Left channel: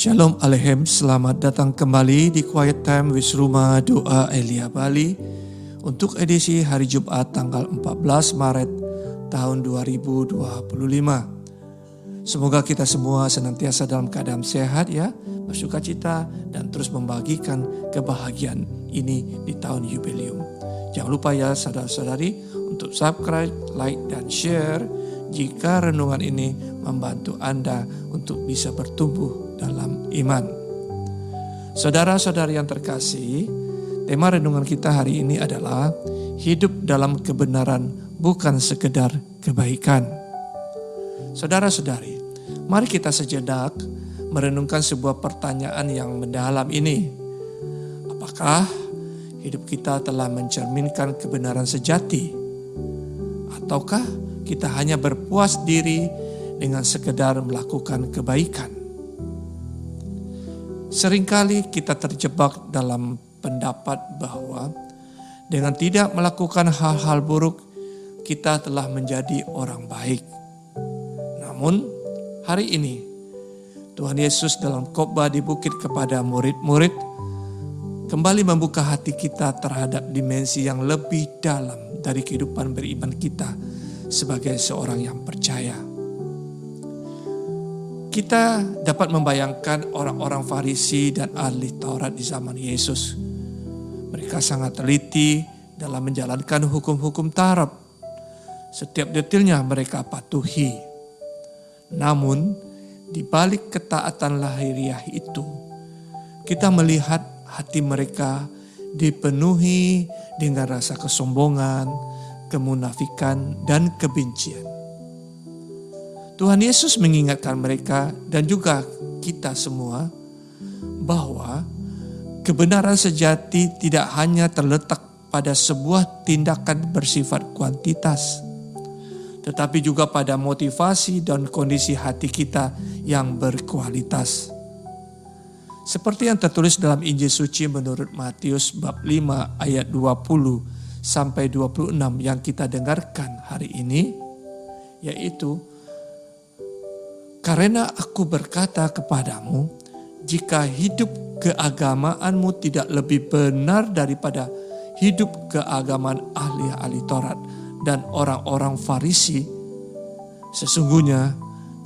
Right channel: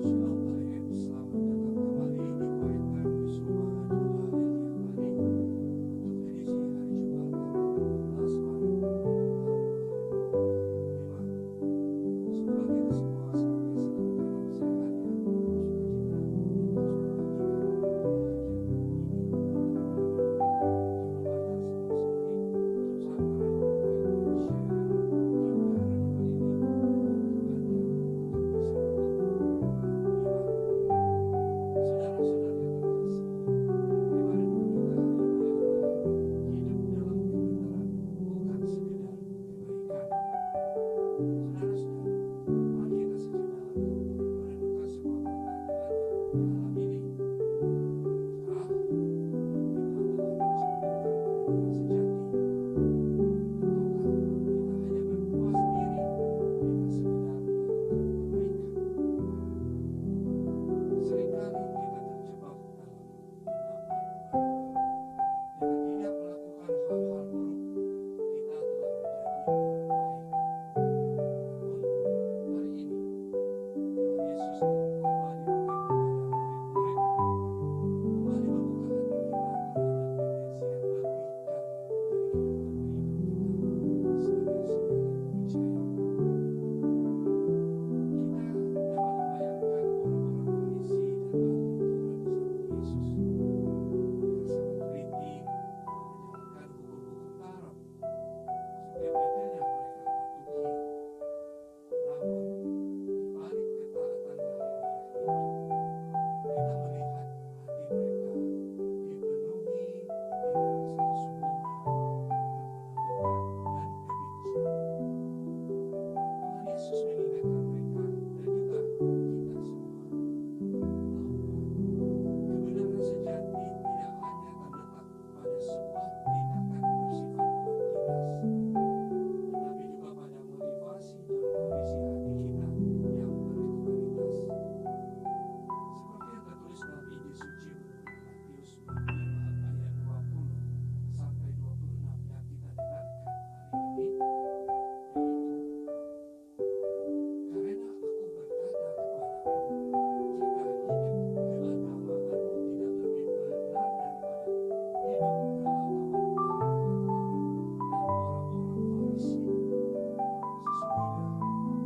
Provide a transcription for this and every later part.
Shalom Alehem, selamat datang kembali di Quiet Time with Rumah Doa Elia Bali untuk edisi hari Jumat tanggal 14 Maret tahun 2025. Semoga kita semua senantiasa dalam keadaan sehat ya, bersukacita dan terus membagikan kebahagiaan ini di tahun jubileum. Jangan lupa ya saudara-saudari untuk subscribe, like dan share jika renungan ini membantu Anda untuk bisa bertumbuh dalam iman. Saudara-saudari yang terkasih, tema renungan kita hari ini adalah hidup dalam kebenaran bukan sekedar kebaikan. Saudara-saudari, mari kita sejenak merenungkan sebuah pertanyaan yang mendalam ini. Apakah hidup kita telah mencerminkan kebenaran sejati? Ataukah kita hanya berpuas diri dengan sekedar melakukan kebaikan? Seringkali kita terjebak dalam pendapat bahwa dengan tidak melakukan hal-hal buruk, kita telah menjadi orang baik. Namun hari ini Tuhan Yesus dalam khotbah di bukit kepada murid-murid kembali membuka hati kita terhadap dimensi yang lebih dalam dari kehidupan beriman kita sebagai seorang yang percaya. Kita dapat membayangkan orang-orang Farisi dan ahli Taurat di zaman Yesus. Mereka sangat teliti dalam menjalankan hukum-hukum Taurat. Setiap detailnya mereka patuhi. Namun, di balik ketaatan lahiriah itu, kita melihat hati mereka dipenuhi dengan rasa kesombongan, kemunafikan, dan kebencian. Tuhan Yesus mengingatkan mereka dan juga kita semua bahwa kebenaran sejati tidak hanya terletak pada sebuah tindakan bersifat kuantitas, tetapi juga pada motivasi dan kondisi hati kita yang berkualitas. Seperti yang tertulis dalam Injil Suci menurut Matius bab 5 ayat 20 sampai 26 yang kita dengarkan hari ini, yaitu, "Karena aku berkata kepadamu, jika hidup keagamaanmu tidak lebih benar daripada hidup keagamaan ahli-ahli Taurat dan orang-orang Farisi, sesungguhnya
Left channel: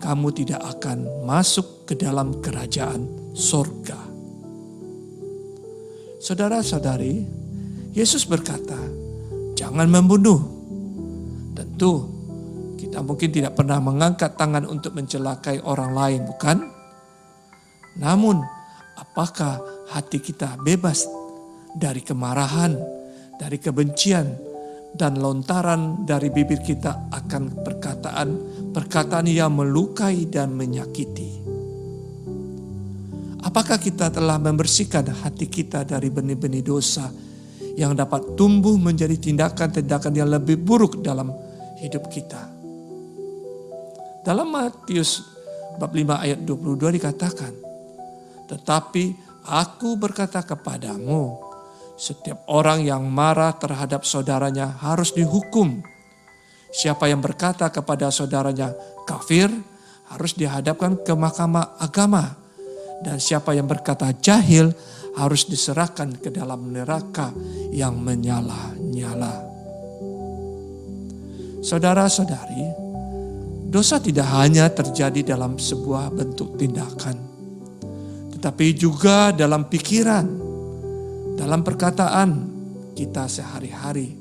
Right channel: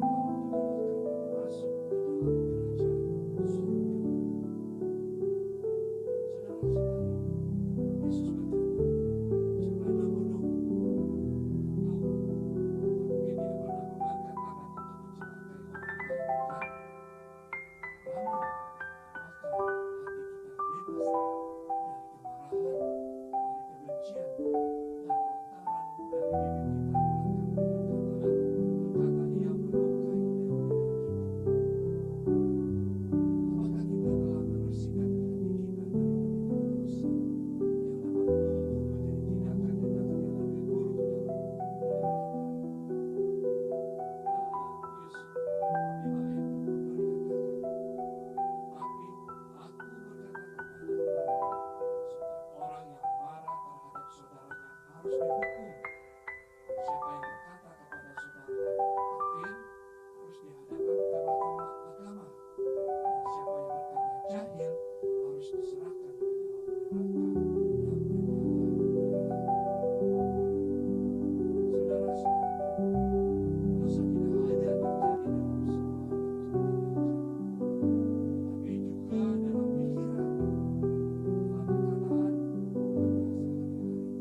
kamu tidak akan masuk ke dalam kerajaan sorga." Saudara-saudari, Yesus berkata, jangan membunuh. Tentu, kita mungkin tidak pernah mengangkat tangan untuk mencelakai orang lain, bukan? Namun, apakah hati kita bebas dari kemarahan, dari kebencian, dan lontaran dari bibir kita akan perkataan yang melukai dan menyakiti? Apakah kita telah membersihkan hati kita dari benih-benih dosa yang dapat tumbuh menjadi tindakan-tindakan yang lebih buruk dalam hidup kita? Dalam Matius bab 5 ayat 22 dikatakan, "Tetapi aku berkata kepadamu, setiap orang yang marah terhadap saudaranya harus dihukum. Siapa yang berkata kepada saudaranya kafir harus dihadapkan ke mahkamah agama. Dan siapa yang berkata jahil harus diserahkan ke dalam neraka yang menyala-nyala." Saudara-saudari, dosa tidak hanya terjadi dalam sebuah bentuk tindakan, tetapi juga dalam pikiran, dalam perkataan kita sehari-hari,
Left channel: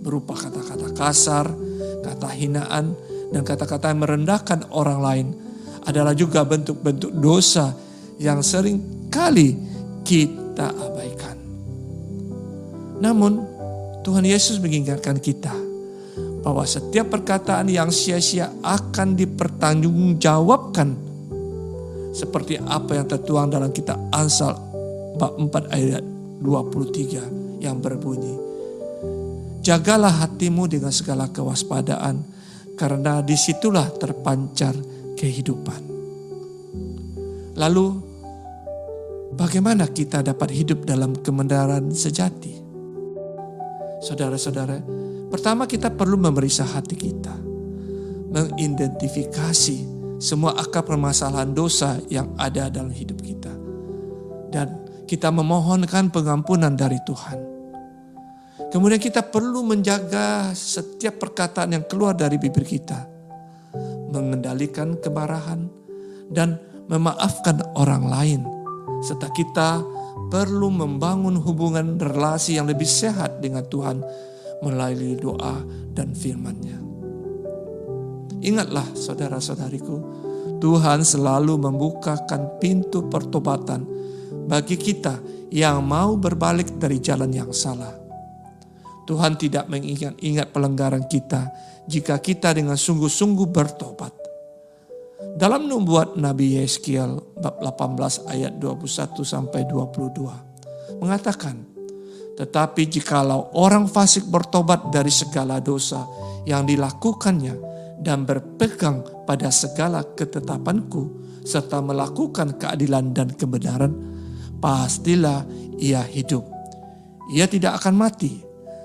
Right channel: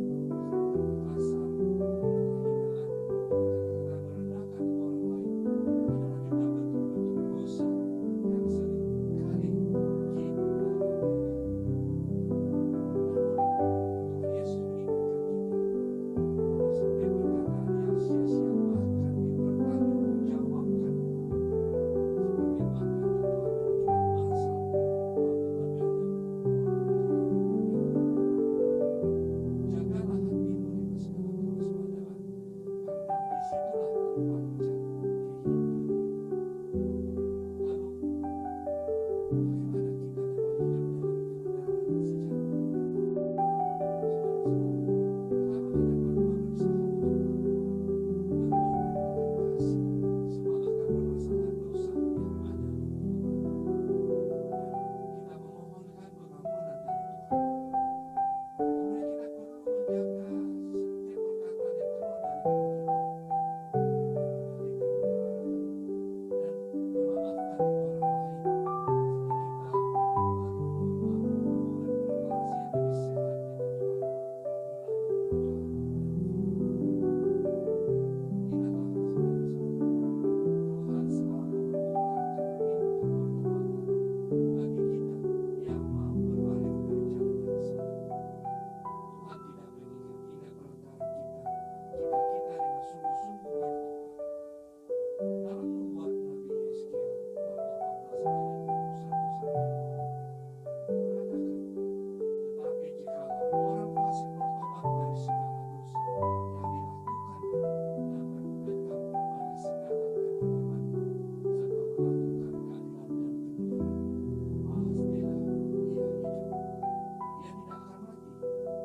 berupa kata-kata kasar, kata hinaan, dan kata-kata yang merendahkan orang lain adalah juga bentuk-bentuk dosa yang sering kali kita abaikan. Namun, Tuhan Yesus mengingatkan kita bahwa setiap perkataan yang sia-sia akan dipertanggungjawabkan, seperti apa yang tertuang dalam kitab Amsal bab 4 ayat 23 yang berbunyi, "Jagalah hatimu dengan segala kewaspadaan, karena disitulah terpancar kehidupan." Lalu, bagaimana kita dapat hidup dalam kebenaran sejati? Saudara-saudara, pertama kita perlu memeriksa hati kita, mengidentifikasi semua akar permasalahan dosa yang ada dalam hidup kita. kita memohonkan pengampunan dari Tuhan. Kemudian kita perlu menjaga setiap perkataan yang keluar dari bibir kita, mengendalikan kemarahan dan memaafkan orang lain, serta kita perlu membangun hubungan relasi yang lebih sehat dengan Tuhan melalui doa dan firman-Nya. Ingatlah saudara-saudariku, Tuhan selalu membukakan pintu pertobatan bagi kita yang mau berbalik dari jalan yang salah. Tuhan tidak mengingat-ingat pelanggaran kita jika kita dengan sungguh-sungguh bertobat. Dalam nubuat Nabi Yeskiel bab 18 ayat 21-22 mengatakan, tetapi jikalau orang fasik bertobat dari segala dosa yang dilakukannya dan berpegang pada segala ketetapanku serta melakukan keadilan dan kebenaran, pastilah ia hidup. Ia tidak akan mati.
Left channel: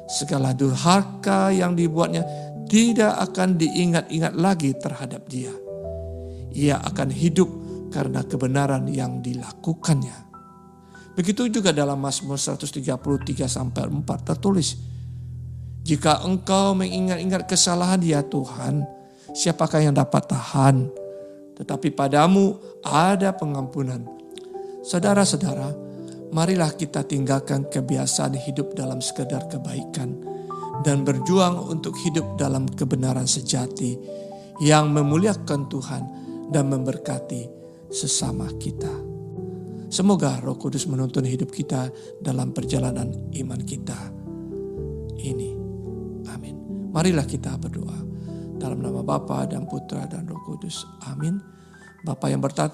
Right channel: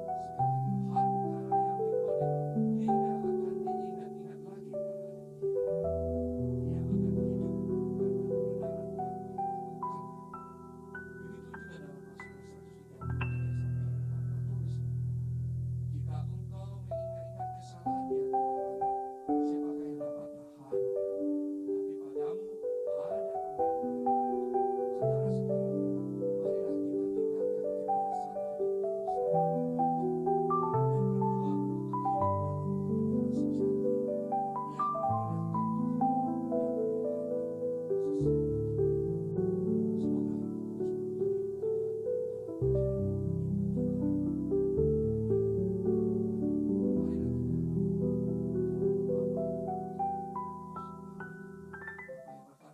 Segala durhaka yang dibuatnya tidak akan diingat-ingat lagi terhadap dia. Ia akan hidup karena kebenaran yang dilakukannya. Begitu juga dalam Mazmur 133-4 tertulis, jika engkau mengingat-ingat kesalahan ya Tuhan, siapakah yang dapat tahan? Tetapi padamu ada pengampunan. Saudara-saudara, marilah kita tinggalkan kebiasaan hidup dalam sekadar kebaikan dan berjuang untuk hidup dalam kebenaran sejati yang memuliakan Tuhan dan memberkati sesama kita. Semoga Roh Kudus menuntun hidup kita dalam perjalanan iman kita ini. Amin. Marilah kita berdoa dalam nama Bapa dan Putra dan Roh Kudus. Amin. Bapa yang bertata